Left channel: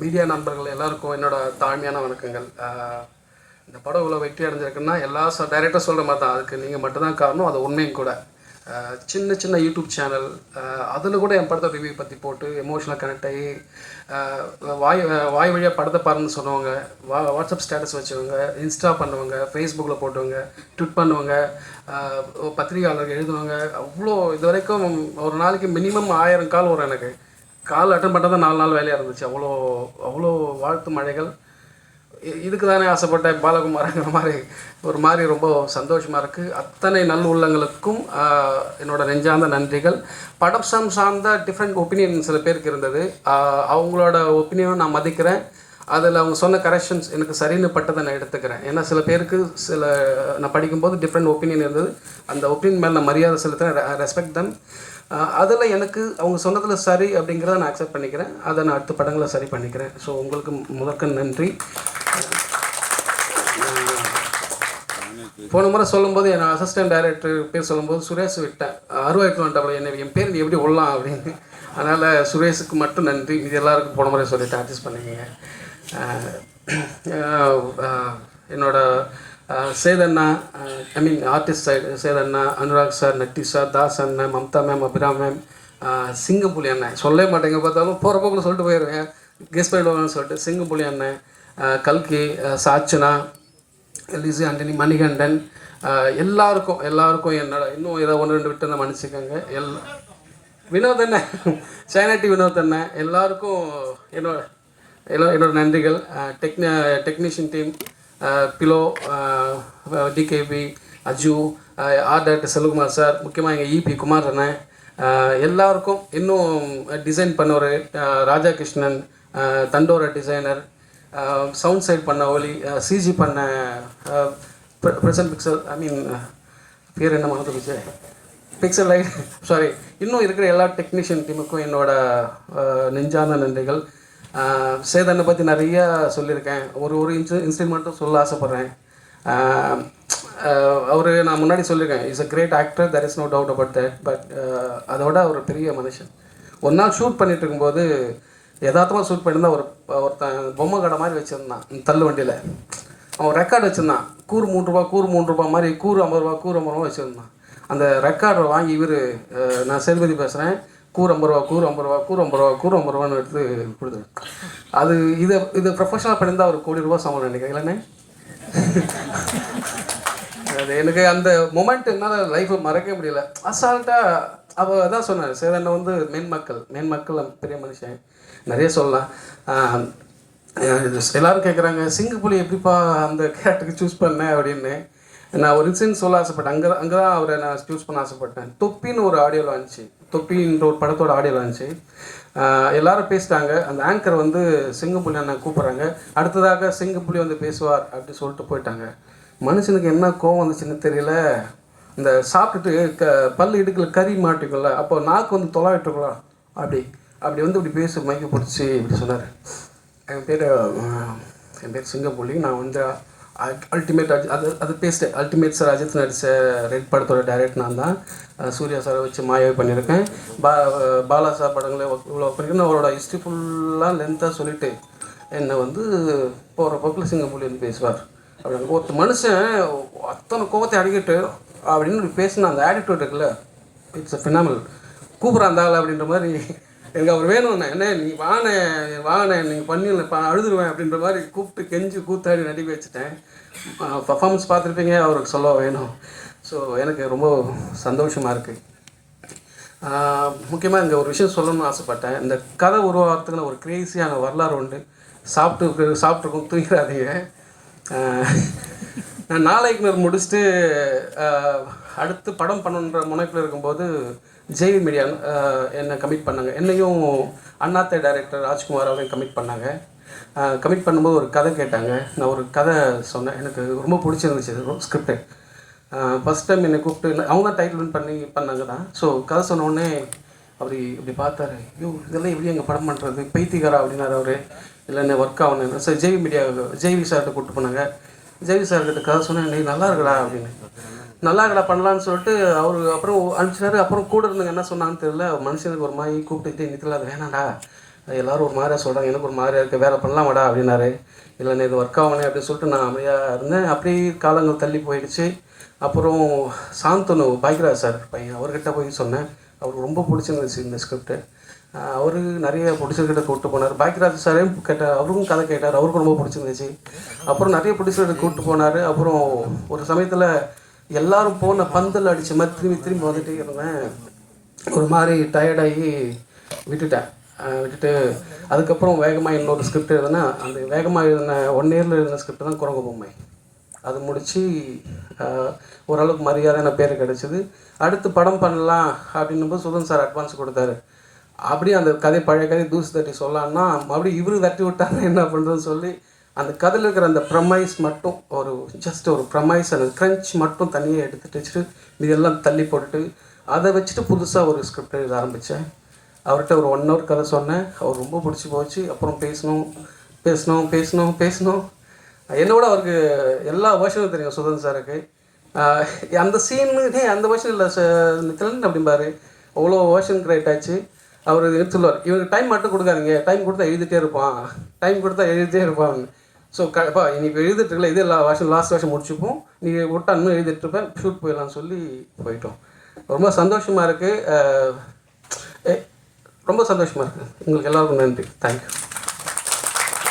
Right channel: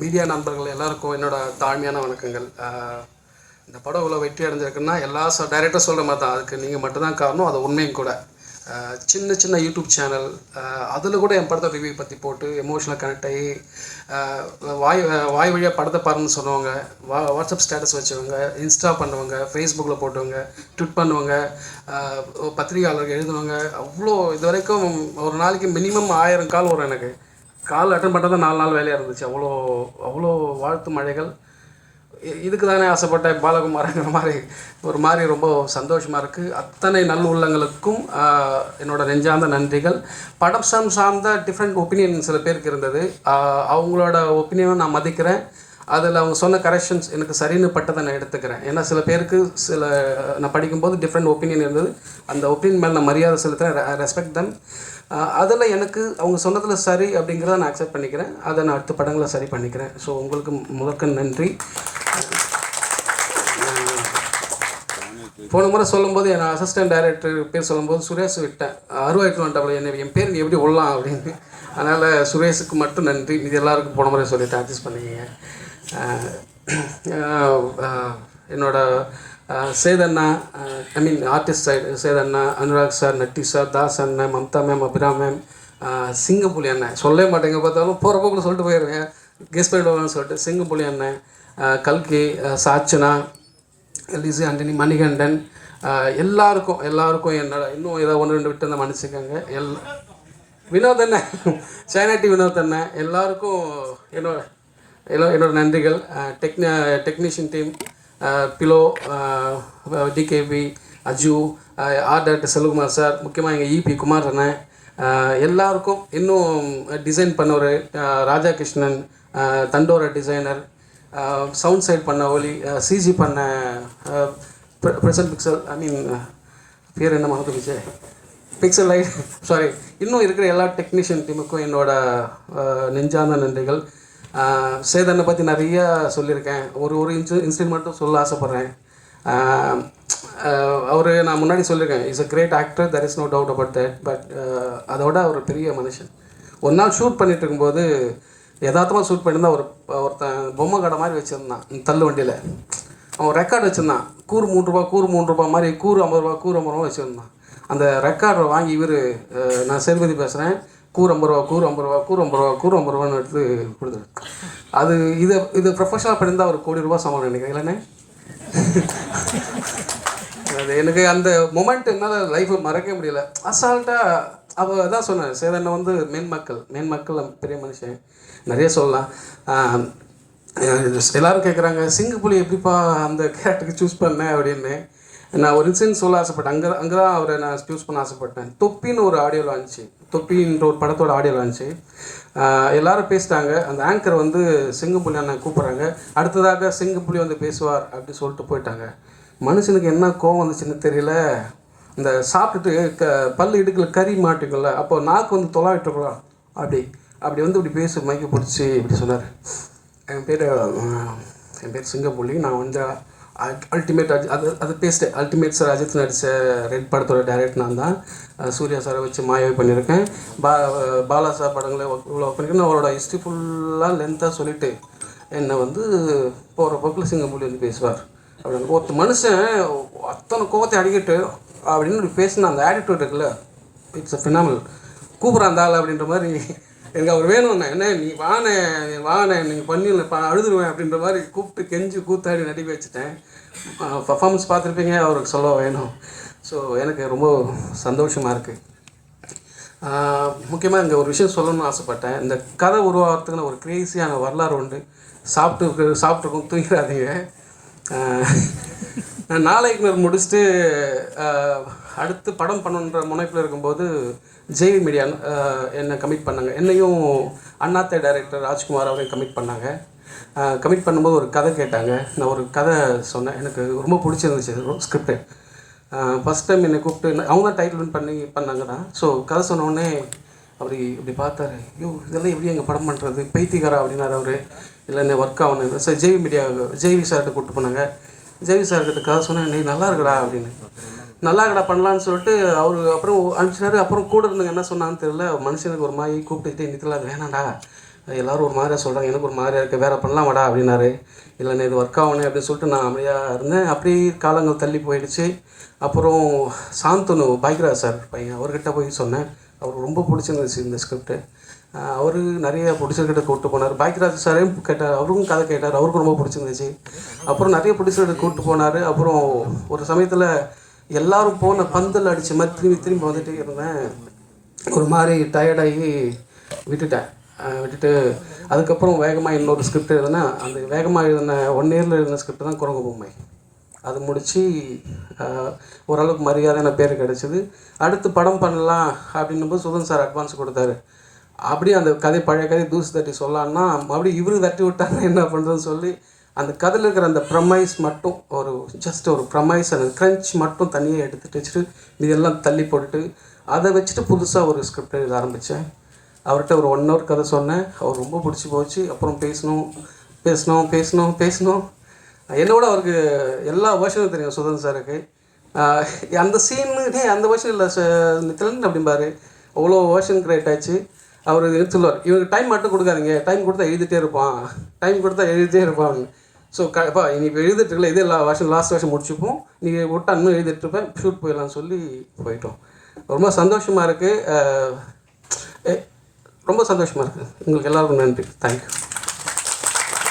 Media நண்பர்கள் எல்லாருக்கும் என்னோட தாழ்மையான வணக்கங்கள். இந்த படம் இவ்வளோ வெற்றி அடைஞ்சிருக்குன்னா எல்லா டைரக்டர் சொல்கிற மாதிரி தான், அதுக்கு நீங்கள் மட்டும்தான் காரணம். அது உண்மையும் கூட. சின்ன சின்ன யூடியூப் சேனல் அதில் கூட என் படத்தை ரிவ்யூ பற்றி போட்டு எமோஷனல் கனெக்ட் ஆகி வாய் வழியாக படத்தை பாருன்னு சொன்னவங்க, வாட்ஸ்அப் ஸ்டேட்டஸ் வச்சவங்க, இன்ஸ்டா பண்ணுவாங்க, ஃபேஸ்புக்கில் போட்டவங்க, ட்விட் பண்ணுவாங்க, பத்திரிகையாளர்கள் எழுதுனவங்க, அவ்வளோ இது வரைக்கும் ஒரு நாளைக்கு மினிமம் 1000 கால் வரும். எனக்கு கால் அட்டன் பண்ணுறது 4 நாள் வேலையாக இருந்துச்சு. அவ்வளோ அவ்வளோ வாழ்த்து மழைகள். இதுக்கு தானே ஆசைப்பட்ட பாலகுமாரங்கிற மாதிரி ரொம்ப சந்தோஷமாக இருக்குது. அத்தனை நல்ல உள்ளங்களுக்கும் என்னோட நெஞ்சார்ந்த நன்றிகள். படம் சார்ந்த டிஃப்ரெண்ட் ஒப்பீனியன் சில பேருக்கு இருந்தது. அவங்களோட ஒப்பீனியனும் நான் மதிக்கிறேன். அதில் அவங்க சொன்ன கரெக்ஷன்ஸ் எனக்கு சரின்னு பட்டதை நான் எடுத்துக்கிறேன். ஏன்னா சில பேருக்கு நான் படிக்கும்போது டிஃப்ரெண்ட் ஒப்பீனியன் இருந்தது. அந்த ஒப்பீனியன் மேலே நான் மரியாதை செலுத்துகிறேன், ரெஸ்பெக்ட் தம். அதில் எனக்கு அவங்க சொன்னதில் சரி அப்படிங்கிறத நான் அக்செப்ட் பண்ணிக்கிறேன். அதை நான் அடுத்த படங்களை சரி பண்ணிக்கிறேன். ஸோ உங்களுக்கு முதற்க நன்றி. போன முறை சொல்லும்போது என் அசிஸ்டன்ட் டைரக்டர் பேர் சொல்லும்போது சுரேஷ் விட்டேன். அருவாய்க்கு வேண்டாம் என்ன என் பேர் நீ எப்படி விடலாம் அப்படின்னு. அதனால் சுரேஷுக்கு மட்டும் நன்றி. இது எல்லாருக்கும் போன முறை சொல்லிவிட்டு அட்ஜஸ்ட் பண்ணிக்கிங்க. என்னோட சேதண்ணா, ஆர்டிஸ்ட் சைடு சேதண்ணா, அனுராக் சார், நட்டி சார், தாஸ் அண்ணன், மம்தா மேம், அபிராம் மேம், சிங்கப்புலி அண்ணன் சொல்லவே மாட்டேங்க, பார்த்தாலும் போகிற போக்கில் சொல்லிட்டு போயிடுவேன், கெஸ்ட் பண்ணிடுவாங்கன்னு சொல்லிட்டு. சிங்கப்புலி அண்ணன், கல்கி, சாச்சனா, லிசி ஆண்டனி, மணிகண்டன், எல்லாருக்கும் என்னோட இன்னும் ஏதோ 1-2 விட்டு அந்த மன்னிச்சுக்கோங்க. வினோத் அண்ணன், சைனாட்டி வினோத் அண்ணன், எல்லாருக்கும் என்னோட நன்றிகள். டெக்னீஷியன் டீம், பிலோ, டிகேபி, Aju, art director Selvakumar sir, முக்கியமாக எங்கள் இபி குமார் அண்ணன், எல்லாருக்கும், இன்னும் டிசைன் பண்ணவர் Raja Krishnan, Thandora designer, sound side பண்ண ஒலி, சிஜி பண்ண ப்ரெசன்ட் பிக்சல், பேர் என்ன மகத்து விஜய் பிக்சல் லைட், சாரி, இன்னும் இருக்கிற எல்லா டெக்னீஷியன் டீமுக்கும் என்னோட நெஞ்சார்ந்த நன்றிகள். சேதனை பற்றி நிறையா சொல்லியிருக்கேன். ஒரு இன்சிடென்ட் மட்டும் சொல்ல ஆசைப்பட்றேன். நான் முன்னாடி சொல்லியிருக்கேன், is a great actor, there is no doubt about that. But அதோட ஒரு பெரிய மனுஷன். ஒரு நாள் ஷூட் பண்ணிகிட்டு இருக்கும்போது யதார்த்தமாக ஷூட் பண்ணியிருந்தா ஒருத்தன் பொம்மை கடை மாதிரி வச்சுருந்தான் தள்ளு வண்டியில். அவன் ரெக்கார்டு வச்சுருந்தான். கூறு 3 ரூபா மாதிரி, கூறு 50 ரூபா வச்சுருந்தான். அந்த ரெக்கார்டை வாங்கி இவர், நான் சேதுபதி பேசுகிறேன், கூறு 50 ரூபான்னு எடுத்து கொடுத்துரு. அது இது ப்ரொஃபஷனல் பண்ணியிருந்தால் ஒரு 1 கோடி ரூபா சம்பளம் நினைக்கிறேன் இல்லைண்ணே. அது எனக்கு அந்த மொமெண்ட் என்னால் லைஃப்பை மறக்க முடியல. அசால்ட்டாக அவள் தான் சொன்னேன், சேதனை மெயின் மக்கள் பெரிய மனுஷன், நிறைய சொல்லலாம். எல்லோரும் கேட்குறாங்க, சிங்கப்புலி எப்படிப்பா அந்த கேரக்டருக்கு சூஸ் பண்ணேன் அப்படின்னு. நான் ஒரு இன்சிடென்ட் சொல்ல ஆசைப்பட்டேன். அங்கே தான் அவரை நான் சூஸ் பண்ண ஆசைப்பட்டேன். தொப்பின்னு ஒரு ஆடியோ லான்ச்சு, தொப்பின்ற ஒரு படத்தோட ஆடியோ லான்ச்சு. எல்லோரும் பேசிட்டாங்க. அந்த ஆங்கர் வந்து சிங்கப்புலி அண்ணன் கூப்பிட்றாங்க, அடுத்ததாக சிங்கப்புலி வந்து பேசுவார் அப்படி சொல்லிட்டு போயிட்டாங்க. மனுஷனுக்கு என்ன கோவம் வந்துச்சுன்னு தெரியல. இந்த சாப்பிட்டுட்டு பல்லு இடுக்கில் கறி மாட்டிக்கல, அப்போ நாக்கு வந்து தொலாவிட்டுருக்கலாம், அப்படி வந்து இப்படி பேசு மைக்கு பிடிச்சி இப்படி சொன்னார். என் பேர் சிங்கப்புலி, நான் வந்து அல்டிமேட் அது பேசிட்டேன். அல்டிமேட் சார் அஜித் நடித்த ரெட் படத்தோட டைரக்டர் நான் தான். சூர்யா சாரை வச்சு மாயாவை பண்ணியிருக்கேன். பாலா சார் படங்களை இவ்வளோ பண்ணியிருக்கேன். அவரோட ஹிஸ்ட்ரி ஃபுல்லாக லென்த்தாக சொல்லிவிட்டு என்னை வந்து போகிற போக்கில் சிங்கப்புலி வந்து பேசுவார் அப்படின்னு. ஒருத்தர் மனுஷன் அத்தனை கோவத்தை அடிக்கிட்டு அப்படின்னு பேசினா அந்த ஆட்டிடியூட் இருக்குல்ல, இட்ஸ் அ ஃபினாமினல். கூப்பிட்றான் ஆள் அப்படின்ற மாதிரி. எனக்கு அவர் வேணும்ண்ணே, என்ன நீ வானே நீங்கள் பண்ணிடல அழுதுருவேன் அப்படின்ற மாதிரி கூப்பிட்டு கெஞ்சி கூத்தாடி நடிக்க வச்சுட்டேன். பர்ஃபார்மன்ஸ் பார்த்துருப்பீங்க, அவருக்கு சொல்ல வேணும். ஸோ எனக்கு ரொம்ப சந்தோஷமாக இருக்குது. முக்கியமாக இங்கே ஒரு விஷயம் சொல்லணும்னு ஆசைப்பட்டேன். இந்த கதை உருவாகிறதுக்குன்னு ஒரு கிரேசியான வரலாறு உண்டு. சாப்பிட்டுருக்கோம், தூங்கிறாதீங்க. நான் நாளைக்கு முடிச்சுட்டு அடுத்து படம் பண்ணணுன்ற முனைப்பில் இருக்கும்போது ஜெய்வி மீடியா என்னை கமிட் பண்ணாங்க. என்னையும் அண்ணாத்தை டைரக்டர் ராஜ்குமார் அவரையும் கமிட் பண்ணாங்க. கமிட் பண்ணும்போது ஒரு கதை கேட்டாங்க. நான் ஒரு கதை சொன்னேன், எனக்கு ரொம்ப பிடிச்சிருந்துச்சு ஸ்கிரிப்டு. ஃபஸ்ட் டைம் என்னை கூப்பிட்டு அவங்க தான் டைட்டில் பண்ணாங்க தான். ஸோ கதை சொன்னோடனே அவர் இப்படி பார்த்தாரு, ஐயோ இதெல்லாம் எப்படி எங்கள் படம் பண்ணுறது, பைத்தியக்காரா அப்படின்னாரு அவர். இல்லை என்ன ஒர்க் ஆகணும் சார். ஜெய்வி சார்கிட்ட கூப்பிட்டு போனாங்க. ஜெய்வி சார்கிட்ட கதை சொன்னேன், நீ நல்லா இருக்கடா அப்படின்னு. நல்லா இருக்கடா பண்ணலான்னு சொல்லிட்டு அவர் அப்புறம் அனுப்பிச்சாரு. அப்புறம் கூட இருந்தவங்க என்ன சொன்னான்னு தெரியல, மனுஷனுக்கு ஒரு மாதிரி கூப்பிட்டுட்டு நிற்கல, அது வேணாண்டா எல்லோரும் ஒரு மாதிரியாக சொல்கிறாங்க, எனக்கு ஒரு மாதிரியாக இருக்குது, வேலை பண்ணலாம் வாடா அப்படின்னாரு. இல்லைண்ணே இது ஒர்க் ஆகணும் அப்படின்னு சொல்லிட்டு நான் அமைதியாக இருந்தேன். அப்படியே காலங்கள் தள்ளி போயிடுச்சு. அப்புறம் சாந்தனு பாக்யராஜ் சார் பையன் அவர்கிட்ட போய் சொன்னேன். அவருக்கு ரொம்ப பிடிச்சிருந்துச்சு இந்த ஸ்கிரிப்ட்டு. அவர் நிறைய ப்ரொடியூசர்கிட்ட கூப்பிட்டு போனார். பாக்யராஜ் சாரையும் கேட்டார், அவருக்கும் கதை கேட்டார், அவருக்கும் ரொம்ப பிடிச்சிருந்துச்சு. அப்புறம் நிறைய ப்ரொடியூசர்கிட்ட கூப்பிட்டு போனார். அப்புறம் ஒரு சமயத்தில் எல்லோரும் போன பந்தல் அடித்த மாதிரி திரும்பி திரும்பி வந்துட்டே இருந்தேன். ஒரு மாதிரி டயர்டாகி விட்டுட்டு அதுக்கப்புறம் வேகமாக இன்னொரு ஸ்கிரிப்ட் எழுதுனா, அந்த வேகமாக எழுதின 1 இயரில் எழுதின ஸ்கிரிப்ட் தான் குரங்கு பொம்மை. அது முடித்து ஓரளவுக்கு மரியாதையான பேர் கிடச்சிது. அடுத்து படம் பண்ணலாம் அப்படின்னும்போது சுதன் சார் அட்வான்ஸ் கொடுத்தாரு. அப்படியே அந்த கதை பழைய கதை தூசி தட்டி சொல்லலான்னா மறுபடியும் இவரு தட்டி விட்டாங்க என்ன பண்ணுறதுன்னு சொல்லி அந்த கதையில் இருக்கிற அந்த ப்ரமைஸ் மட்டும் ஜஸ்ட் ஒரு ப்ரமைஸ் அந்த க்ரன்ச் மட்டும் தனியாக எடுத்துகிட்டு வச்சுட்டு இதெல்லாம் தள்ளி போட்டுட்டு அதை வச்சுட்டு புதுசாக ஒரு ஸ்கிரிப்ட் எழுத ஆரம்பித்தேன். அவர்கிட்ட ஒரு 1 ஹவர் கதை சொன்னேன். அவர் ரொம்ப பிடிச்சி போச்சு. அப்புறம் பேசணும். என்னோட அவருக்கு எல்லா வேர்ஷனும் தெரியும் சுதன் சாருக்கு. அந்த சீனு அந்த வேர்ஷன் இல்லை கிளண்ட் அப்படிம்பாரு. அவ்வளோ வேர்ஷன் கிரியேட் ஆச்சு. அவர் சொல்லுவார், இவனுக்கு டைம் மட்டும் கொடுக்காதீங்க, டைம் கொடுத்தா எழுதிட்டே இருப்பான். ஸோ நீ இப்போ எழுதிட்டு இருக்கல, இதே லாஸ்ட் வருஷம் முடிச்சுப்போம், நீ விட்டா இன்னும் எழுதிட்டு இருப்பேன், ஷூட் போயிடலாம்னு சொல்லி போயிட்டோம். ரொம்ப சந்தோஷமாக இருக்குது. ரொம்ப சந்தோஷமாக இருக்குது. உங்களுக்கு எல்லாருக்கும் நன்றி. தேங்க்யூ.